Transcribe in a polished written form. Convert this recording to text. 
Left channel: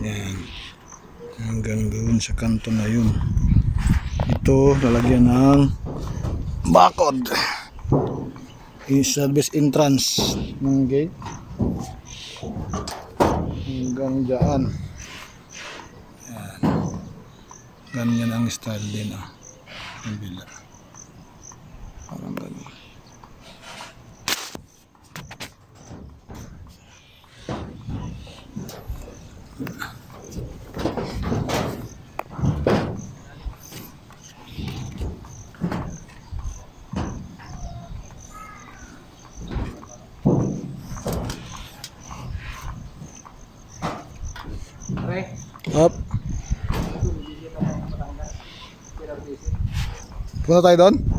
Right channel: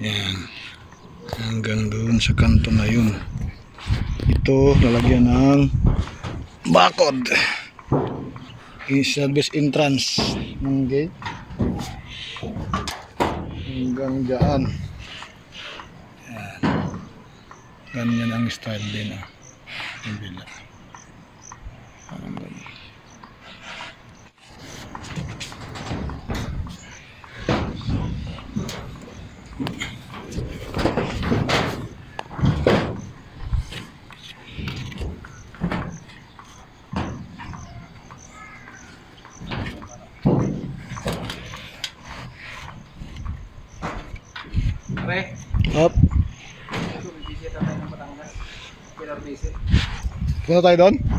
Yan. Hanggang doon sa kanto na yun. Ito, lalagyan ng bakod. I-service entrance ng gate. Hanggang dyan. Yan. Ganyan ang style din. Ang bila. Up. Punta tayo doon?